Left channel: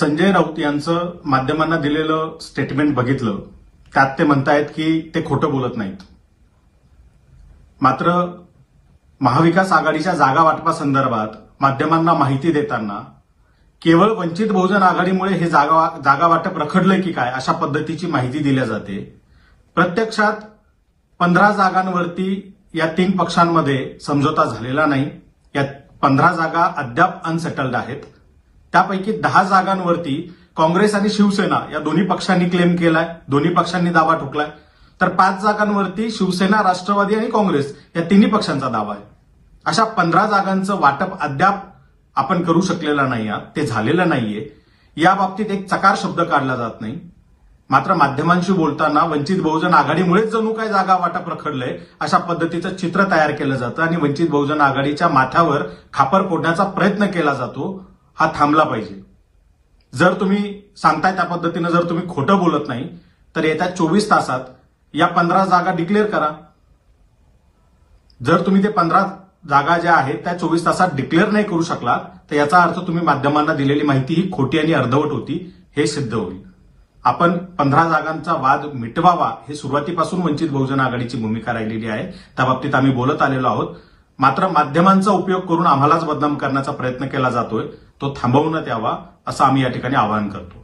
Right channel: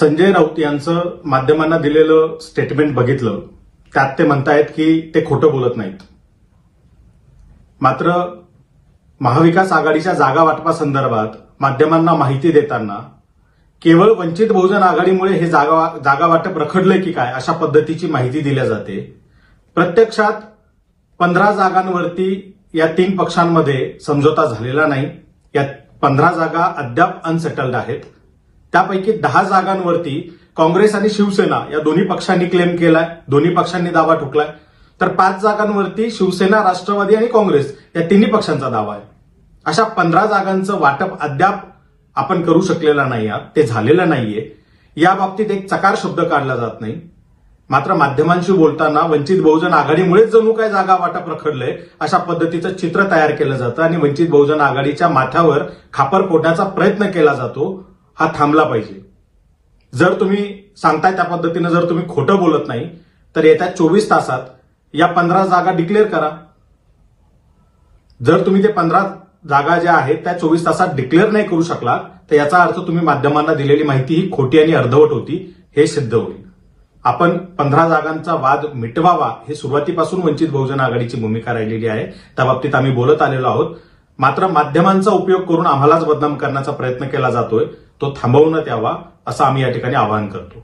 संजय राऊत यांचं माध्यमांना दिलेलं स्टेटमेंट बघितलं, त्यात ते म्हणतायत की ते खोटं बोलत नाहीत. मात्र महाविकास आघाडीच्या जागा वाटपासंदर्भात माध्यमांना माहिती देताना केवळ वंचित बहुजन आघाडीमुळे हे जागा वाटप रखडलंय की काय अशा पद्धतीची माहिती दिली जाते. प्रत्यक्षात 15 जागांवरती या 3 पक्षांमध्ये समझोता झालेला नाही. या 15 जागा अद्याप अनसेटल्ड आहेत. त्यापैकी 10 जागांवरती काँग्रेस आणि शिवसेना या दोन्ही पक्षांनी क्लेम केलाय, दोन्ही पक्षांनी दावा ठोकलाय. तर 5 जागांवरती शिवसेना, राष्ट्रवादी आणि काँग्रेस या तिन्ही पक्षांचा दावा आहे. अशा 15 जागांचं वाटप अद्याप आपण करू शकलेलं नाही आहात, ते झालेलं नाहीये. या बाबतीत एक चकार शब्द काढला जात नाही. मात्र माध्यमांशी बोलताना वंचित बहुजन आघाडीमुळेच जणू काय जागा वाटप रखडलंय अशा पद्धतीचं चित्र तयार केलं जातं आणि वंचित बहुजन आघाडीच्या माथ्यावर खापर फोडण्याचा प्रयत्न केला जातो. हा थांबला पाहिजे. जर तुम्ही सांगताय त्या पद्धतीनं जर तुम्ही खोटं बोलत नाही तर येत्या 24 तासात या 15 जागा डिक्लेअर करा. जर तुम्ही ते 15 जागा ज्या आहेत त्या 24 तासात डिक्लेअर नाही करू शकलात तर याचा अर्थ तुम्ही माध्यमांना दिलेली माहिती ही खोटी आणि अर्धवट होती हे सिद्ध होईल. आपण 15 जागांचा वाद मिटवावा हे सुरुवातीपासून वंचित बहुजन आघाडीची भूमिका राहिलेली आहे. त्या बाबतीत आम्ही बोलत आलेलो आहोत. मात्र माध्यमांचा उपयोग करून आम्हालाच बदनाम करण्याचा प्रयत्न केला जातोय, तो थांबवण्यात यावा असं आम्ही या ठिकाणी आवाहन करतो.